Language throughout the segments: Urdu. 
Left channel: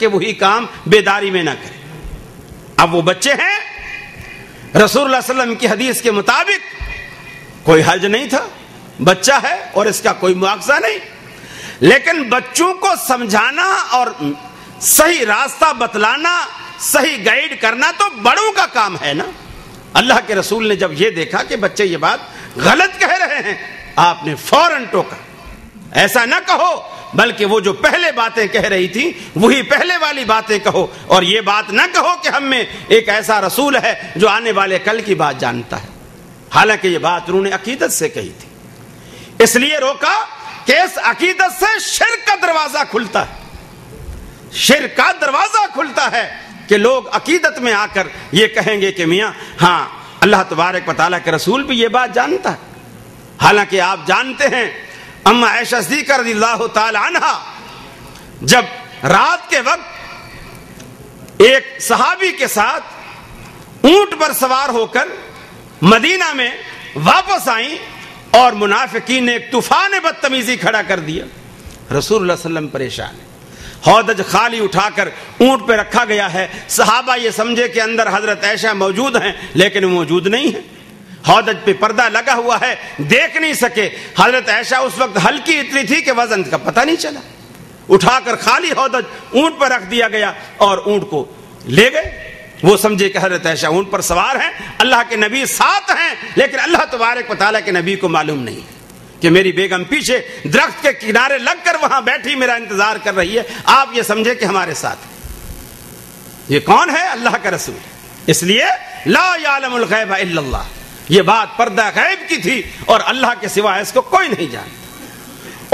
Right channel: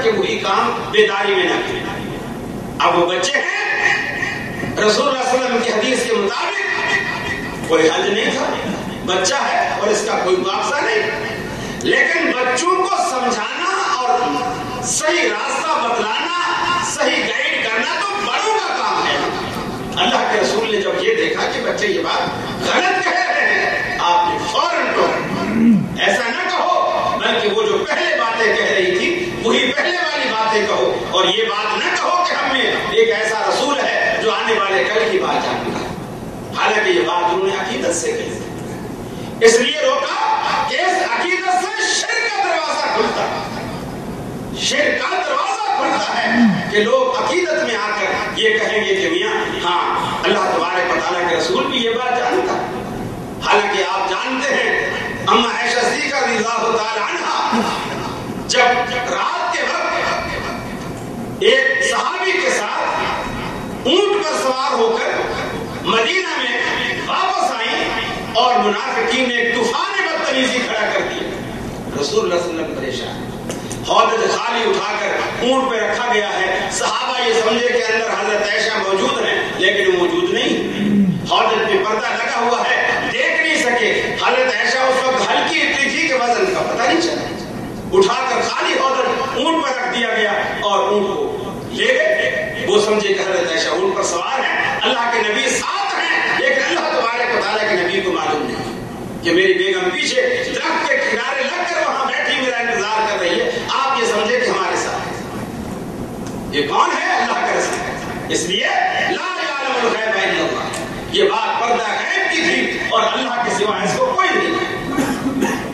تک کہ وہی کام بیداری میں نہ کریں۔ اب وہ بچے ہیں، رسول اللہ صلی اللہ علیہ وسلم کی حدیث کے مطابق کوئی حرج نہیں تھا، بچہ ہے اور اس کا کوئی مواخذہ نہیں، لیکن بچوں کو سمجھانا اور صحیح راستہ بتلانا، صحیح گائیڈ کرنا تو بڑوں کا کام ہے نا۔ اللہ کے رسول نے جب یہ دیکھا کہ بچے یہ بات غلط کہہ رہے ہیں، آپ نے فوراً ٹوکا، ایسا نہ کہو، بلکہ وہ جو پہلے باتیں کہہ رہی تھی وہی پہلے والی باتیں کہو، اور یہ بات نہ کہو کہ ہم میں ایک ایسا رسول ہے جو آنے والے کل کی بات جانتا ہے۔ حالانکہ یہ بات انہوں نے عقیدت سے کہی تھی، اس لیے روکا کہ اس عقیدت سے شرک کا دروازہ کھلتا ہے، شرک کا دروازہ کھلتا ہے کہ لوگ عقیدت میں آ کر یہ کہیں گے کہ میاں ہاں اللہ تبارک و تعالیٰ کے رسول بھی یہ بات جانتا ہے۔ حالانکہ آپ جانتے ہیں اما عائشہ صدیقہ رضی اللہ تعالی عنہا جب رات کے وقت ایک صحابی کے ساتھ اونٹ پر سوار ہو کر مدینہ میں واپس آئیں اور منافقین نے ایک طوفان بدتمیزی کھڑا کر دیا، رسول اللہ صلی اللہ علیہ وسلم پریشان، ہودج خالی اٹھا کر اونٹ پہ رکھا گیا ہے، صحابہ یہ سمجھے کہ اندر حضرت عائشہ موجود ہیں لیکن وہ موجود نہیں ہے، ہودج پہ پردہ لگا ہوا ہے، دیکھ نہیں سکے، حضرت عائشہ اس وقت ہلکی اتنی تھی کہ وزن کا پتہ نہیں چلا، اٹھا کر خالی ہودج اونٹ پر رکھ دیا گیا اور اونٹ کو لے گئے۔ وہ سمجھے کہ حضرت عائشہ اونٹ پر سوار ہیں، اللہ کے نبی ساتھ ہیں، لیکن اللہ تبارک و تعالیٰ کے نبی کو معلوم نہیں کہ میری بیگم پیچھے درخت کے کنارے لگ کر وہاں بیٹھی میرا انتظار کر رہی ہے، آپ یہ سمجھے کہ ہمارے ساتھ ہے۔ یہ کون ہے؟ اللہ کا رسول، اس لیے لا یعلم الغیب الا اللہ، یہ بات پردہ غیب کی تھی اور اللہ کے سوا اس کو کوئی نہیں جانتا،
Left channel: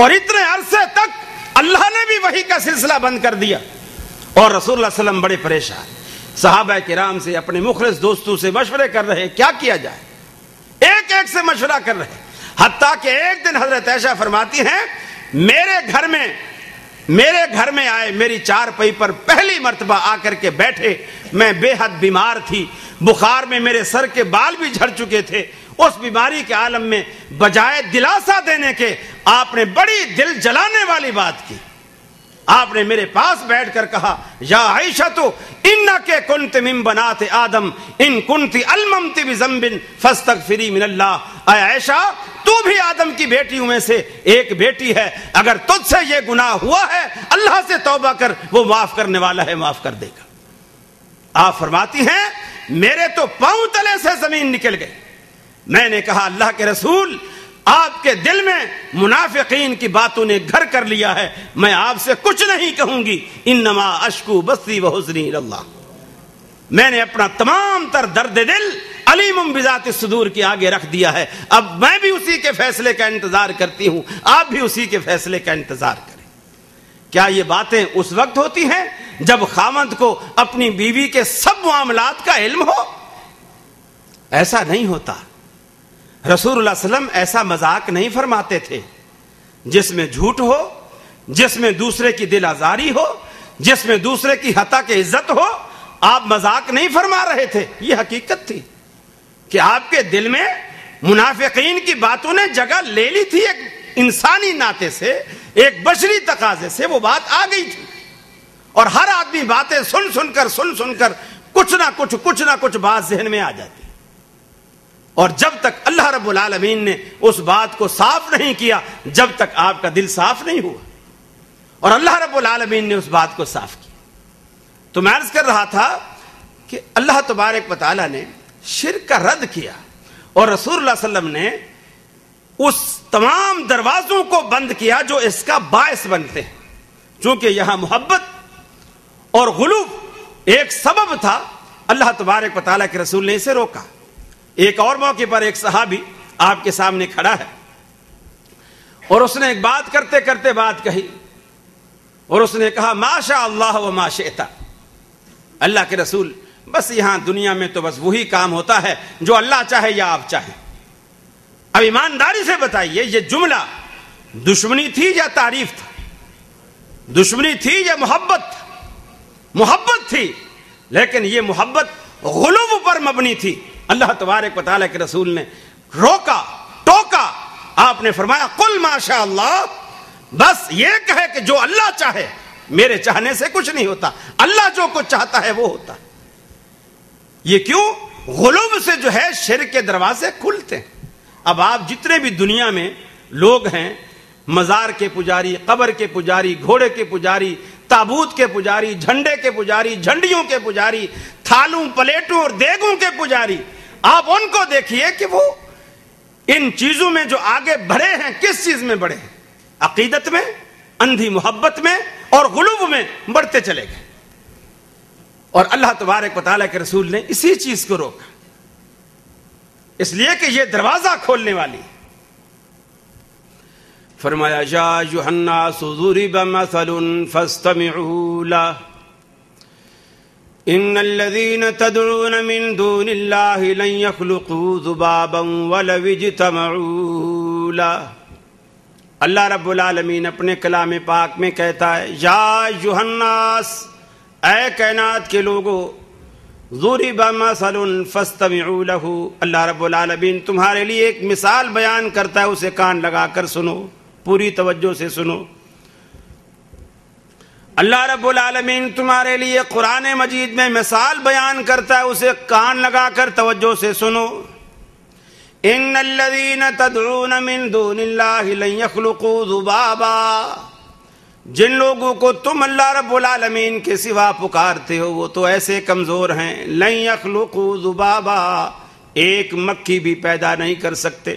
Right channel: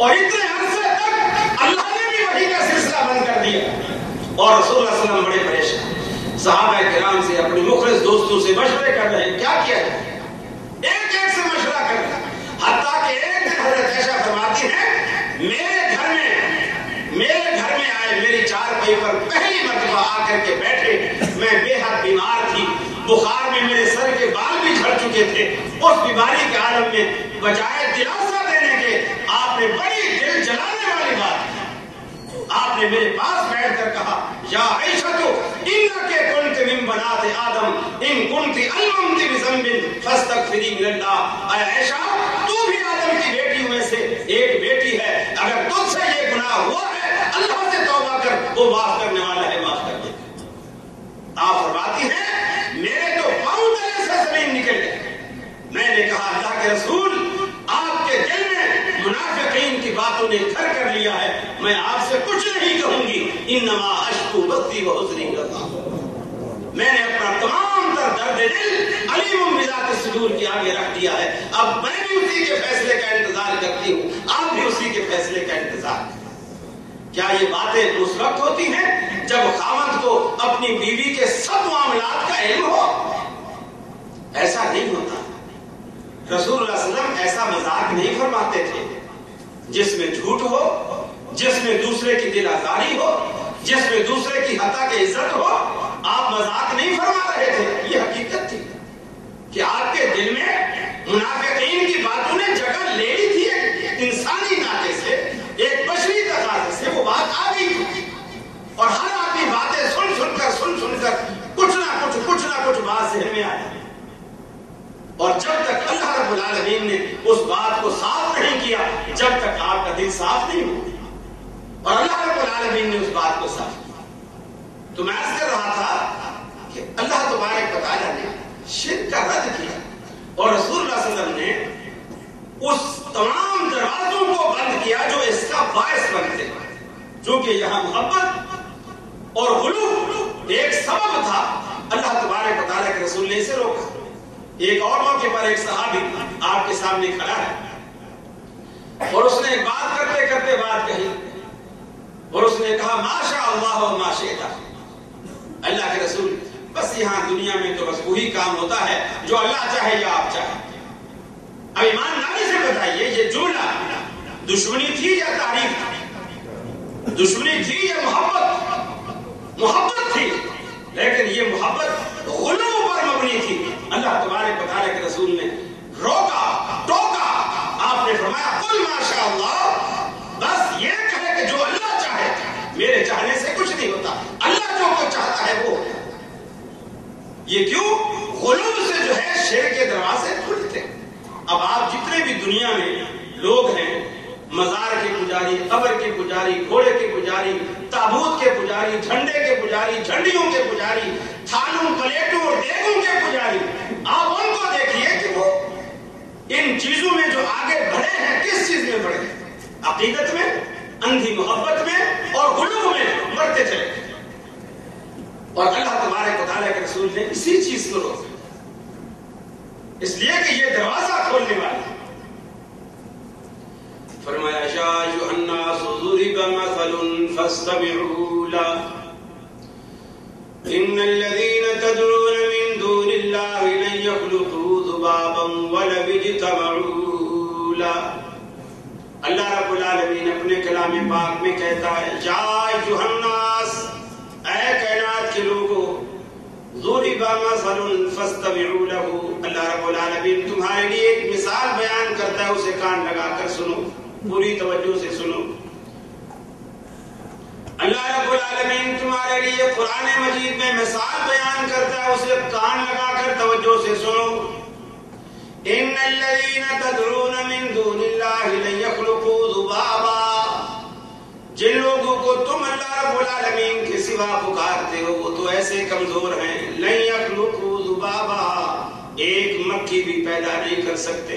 اور اتنے عرصے تک اللہ نے بھی وحی کا سلسلہ بند کر دیا، اور رسول اللہ صلی اللہ علیہ وسلم بڑے پریشان، صحابہ کرام سے اپنے مخلص دوستوں سے مشورے کر رہے ہیں کیا کیا جائے، ایک ایک سے مشورہ کر رہے ہیں، حتیٰ کہ ایک دن حضرت عائشہ فرماتی ہیں میرے گھر میں آئے، میری چارپائی پر پہلی مرتبہ آ کر کے بیٹھے، میں بے حد بیمار تھی، بخار میں میرے سر کے بال بھی جھڑ چکے تھے، اس بیماری کے عالم میں بجائے دلاسا دینے کے آپ نے بڑی دل جلانے والی بات کی، آپ نے میرے پاس بیٹھ کر کہا یا عائشہ تو انکے کنت من بنات آدم ان کنت الممت بذنب فاستغفری من اللہ، اے عائشہ تو بھی آدم کی بیٹیوں میں سے ایک بیٹی ہے، اگر تجھ سے یہ گناہ ہوا ہے اللہ سے توبہ کر، وہ معاف کرنے والا ہے، معاف کر دے گا۔ آپ فرماتی ہیں میرے تو پاؤں تلے سے زمین نکل گئی، میں نے کہا اللہ کے رسول آپ کے دل میں منافقین کی باتوں نے گھر کر لیا ہے، میں آپ سے کچھ نہیں کہوں گی، انما اشکو بثی و حزنی اللہ، میں نے اپنا تمام تر درد دل علیم بذات الصدور کی آگے رکھ دیا ہے، اب میں بھی اسی کے فیصلے کا انتظار کرتی ہوں، آپ بھی اسی کے فیصلے کا انتظار کریں۔ کیا یہ باتیں اس وقت ہوتی ہیں جب خاوند کو اپنی بیوی کے سب معاملات کا علم ہو؟ ایسا نہیں ہوتا۔ رسول اللہ صلی اللہ علیہ وسلم ایسا مذاق نہیں فرماتے تھے جس میں جھوٹ ہو، جس میں دوسرے کی دل آزاری ہو، جس میں دوسرے کی حتیٰ کہ عزت ہو، آپ مذاق نہیں فرما رہے تھے، یہ حقیقت تھی کہ آپ کے دل میں منافقین کی باتوں نے جگہ لے لی تھی، ایک انسانی ناطے سے، ایک بشری تقاضے سے وہ بات آ گئی تھی، اور ہر آدمی باتیں سن سن کر کچھ نہ کچھ بات ذہن میں آ جاتی، اور جب تک اللہ رب العالمین نے اس بات کو صاف نہیں کیا، جب تک آپ کا دل صاف نہیں ہو، اور اللہ رب العالمین نے اس بات کو صاف کیا۔ تو میں عرض کر رہا تھا کہ اللہ تبارک و تعالیٰ نے شرک کا رد کیا، اور رسول اللہ صلی اللہ علیہ وسلم نے اس تمام دروازوں کو بند کیا جو اس کا باعث بنتے ہیں، چونکہ یہاں محبت اور غلو ایک سبب تھا، اللہ تبارک و تعالیٰ کے رسول نے اسے روکا۔ ایک اور موقع پر ایک صحابی آپ کے سامنے کھڑا ہے، اور اس نے ایک بات کرتے کرتے بات کہی، اور اس نے کہا ما شاء اللہ و ما شئت، اللہ کے رسول بس یہاں دنیا میں تو بس وہی کام ہوتا ہے جو اللہ چاہے یا آپ چاہیں۔ اب ایمانداری سے بتائیے یہ جملہ دشمنی تھی یا تعریف تھی؟ دشمنی تھی یا محبت تھی، لیکن یہ محبت غلو پر مبنی تھی۔ اللہ تبارک و تعالیٰ کے رسول نے روکا، ٹوکا، آپ نے فرمایا قل ما شاء اللہ، بس یہ کہے کہ جو اللہ چاہے، میرے چاہنے سے کچھ نہیں ہوتا، اللہ جو کچھ چاہتا ہے وہ ہوتا ہے۔ یہ کیوں؟ غلو سے جو ہے شرک کے دروازے کھلتے ہیں۔ اب آپ جتنے بھی دنیا میں لوگ ہیں، مزار کے پجاری، قبر کے پجاری، گھوڑے کے پجاری، تابوت کے پجاری، جھنڈے کے پجاری، جھنڈیوں کے پجاری، تھالوں پلیٹوں اور دیگوں کے پجاری، آپ ان کو دیکھیے کہ وہ ان چیزوں میں جو آگے بڑھے ہیں، کس چیز میں بڑھے ہیں؟ عقیدت میں، اندھی محبت میں اور غلو میں بڑھتے چلے گئے۔ اور اللہ تبارک و تعالیٰ کے رسول نے اسی چیز کو روکا، اس لیے کہ یہ دروازہ کھولنے والے ہیں۔ فرمایا یا ایھا الناس ضرب مثل فاستمعوا له ان الذين تدعون من دون الله لن يخلقوا ذبابا ولو اجتمعوا له۔ اللہ رب العالمین اپنے کلام پاک میں کہتا ہے یا ایھا الناس، اے کائنات کے لوگوں، ضرب مثل فاستمعوا له، اللہ رب العالمین تمہارے لیے ایک مثال بیان کرتا ہے، اسے کان لگا کر سنو، پوری توجہ سے سنو۔ اللہ رب العالمین تمہارے لیے قرآن مجید میں مثال بیان کرتا ہے، اسے کان لگا کر توجہ سے سنو۔ ان الذین تدعون من دون اللہ لن یخلقوا ذبابا، جن لوگوں کو تم اللہ رب العالمین کے سوا پکارتے ہو وہ تو ایسے کمزور ہیں، لن یخلقوا ذبابا، ایک مکھی بھی پیدا نہیں کر سکتے۔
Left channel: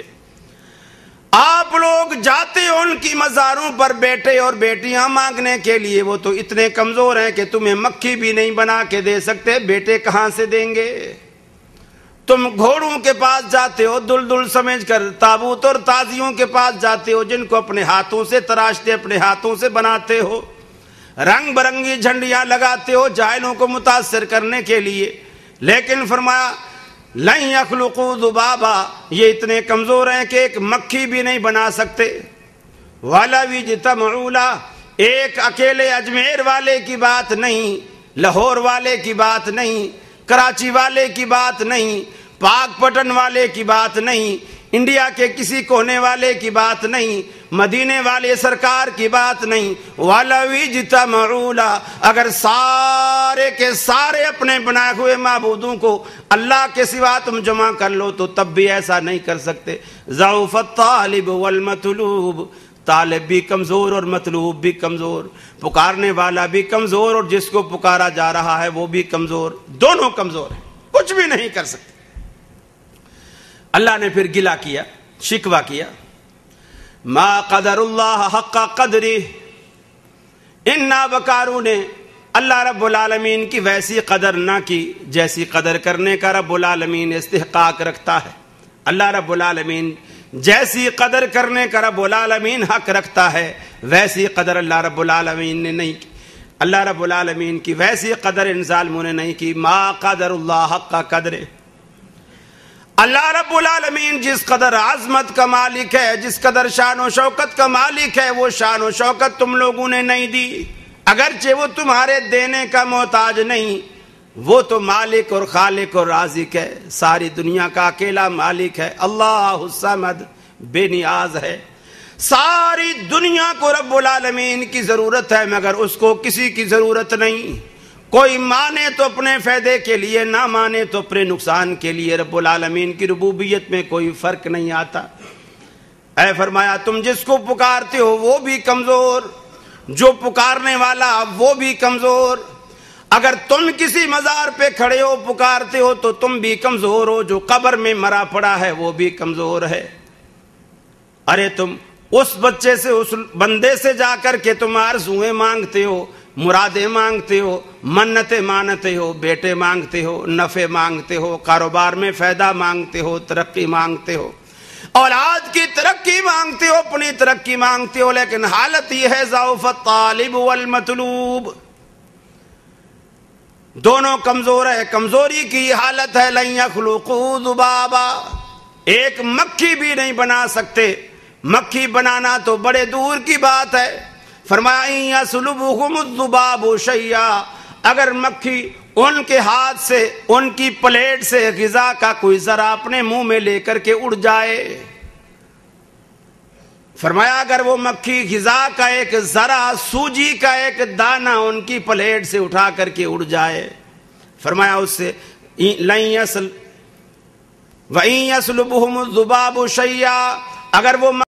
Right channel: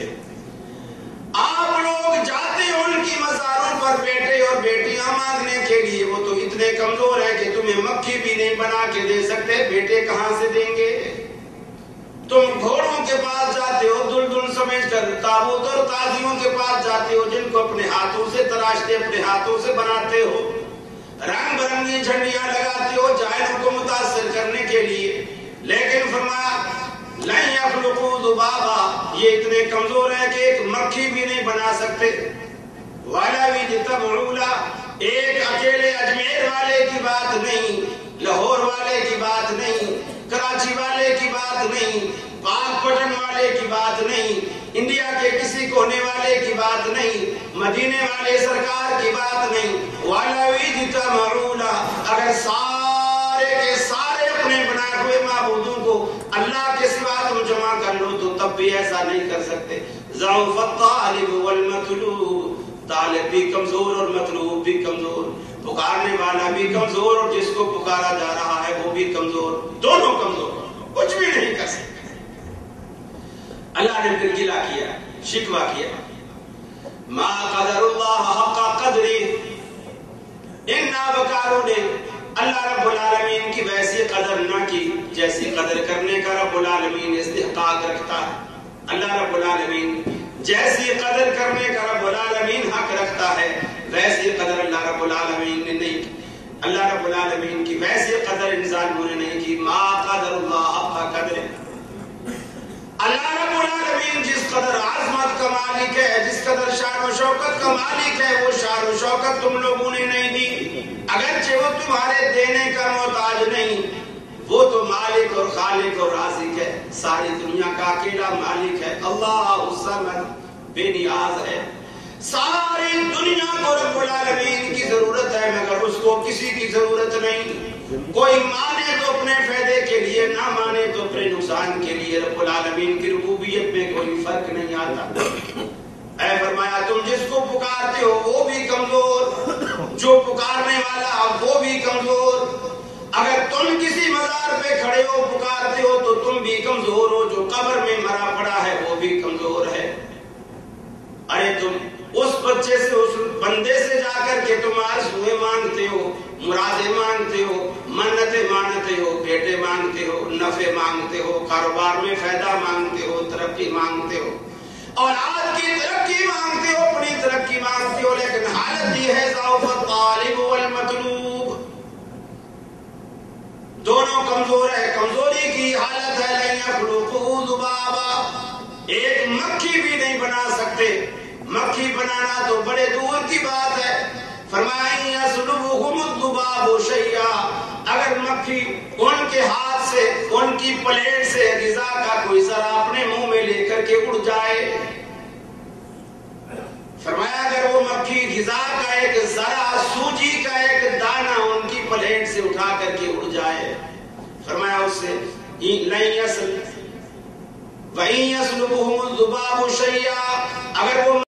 آپ لوگ جاتے ہو ان کی مزاروں پر بیٹے اور بیٹیاں مانگنے کے لیے، وہ تو اتنے کمزور ہیں کہ تمہیں مکھی بھی نہیں بنا کے دے سکتے، بیٹے کہاں سے دیں گے؟ تم گھوڑوں کے پاس جاتے ہو دل سمجھ کر، تابوت اور تازیوں کے پاس جاتے ہو جن کو اپنے ہاتھوں سے تراشتے، اپنے ہاتھوں سے بناتے ہو، رنگ برنگی جھنڈیاں لگاتے ہو جاہلوں کو متاثر کرنے کے لیے، لیکن فرمایا لن یخلقوا ذبابا، یہ اتنے کمزور ہیں کہ ایک مکھی بھی نہیں بنا سکتے۔ وَلَوِ اجْتَمَعُوا لَهُ، ایک اکیلے اجمیر والے کی بات نہیں، لاہور والے کی بات نہیں، کراچی والے کی بات نہیں، پاک پٹن والے کی بات نہیں، انڈیا کے کسی کونے والے کی بات نہیں، مدینے والے سرکار کی بات نہیں۔ وَلَوِ اجْتَمَعُوا لَهُ، اگر سارے کے سارے اپنے بنائے ہوئے معبودوں کو اللہ کے سوا تم جمع کر لو تو تب بھی ایسا نہیں کر سکتے۔ ضعف الطالب والمطلوب، طالب بھی کمزور اور مطلوب بھی کمزور، پکارنے والا بھی کمزور اور جس کو پکارا جا رہا ہے وہ بھی کمزور، دونوں کمزور ہیں، کچھ بھی نہیں کر سکتے۔ اللہ نے پھر گلہ کیا، شکوہ کیا، ما قدر اللہ حق قدری، ان نابکاروں نے اللہ رب العالمین کی ویسی قدر نہ کی جیسی قدر کرنے کا رب العالمین استحقاق رکھتا ہے۔ اللہ رب العالمین جیسی قدر کرنے کا رب العالمین حق رکھتا ہے ویسی قدر اللہ رب العالمین نے نہیں کی۔ اللہ رب العالمین کی ویسی قدر ان ظالموں نے نہیں کی۔ ما قدر اللہ حق قدر، اللہ رب العالمین جس قدر عظمت کا مالک ہے، جس قدر شان و شوکت کا مالک ہے، وہ شان و شوکت تم لوگوں نے نہیں دی، اگرچہ وہ تمہارے دینے کا محتاج نہیں، وہ تو مالک اور خالق اور رازق ہے، ساری دنیا کا اکیلا مالک ہے، اللہ الصمد، بے نیاز ہے۔ ساری دنیا کو رب العالمین کی ضرورت ہے مگر اس کو کسی کی ضرورت نہیں، کوئی مانے تو اپنے فائدے کے لیے، نہ مانے تو اپنے نقصان کے لیے، رب العالمین کی ربوبیت میں کوئی فرق نہیں آتا۔ اے فرمایا تم جس کو پکارتے ہو وہ بھی کمزور، جو پکارنے والا وہ بھی کمزور، اگر تم کسی مزار پہ کھڑے ہو پکارتے ہو تو تم بھی کمزور ہو، جو قبر میں مرا پڑا ہے وہ بھی کمزور ہے۔ ارے تم اس بچے سے، اس بندے سے جا کر کے تم آرزوئیں مانگتے ہو، مرادیں مانگتے ہو، منتیں مانتے ہو، بیٹے مانگتے ہو، نفع مانگتے ہو، کاروبار میں فائدہ مانگتے ہو، ترقی مانگتے ہو، اولاد کی ترقی مانگتے ہو، اپنی ترقی مانگتے ہو، لیکن حالت یہ ہے ضعف الطالب والمطلوب، دونوں کمزور ہے، کمزوری کی حالت ہے۔ لن یخلقوا ذبابا، ایک مکھی بھی نہیں بنا سکتے، مکھی بنانا تو بڑے دور کی بات ہے۔ فرمایا یسلبہم الذباب شیئا، اگر مکھی ان کے ہاتھ سے، ان کی پلیٹ سے غذا کا کوئی ذرا اپنے منہ میں لے کر کے اڑ جائے، فرمایا اگر وہ مکھی غذا کا ایک ذرا، سوجی کا ایک دانہ ان کی پلیٹ سے اٹھا کر کے اڑ جائے، فرمایا اس سے لَن يَسْلُبْهُمُ الذُّبَابُ شَيْئًا، اگر وہ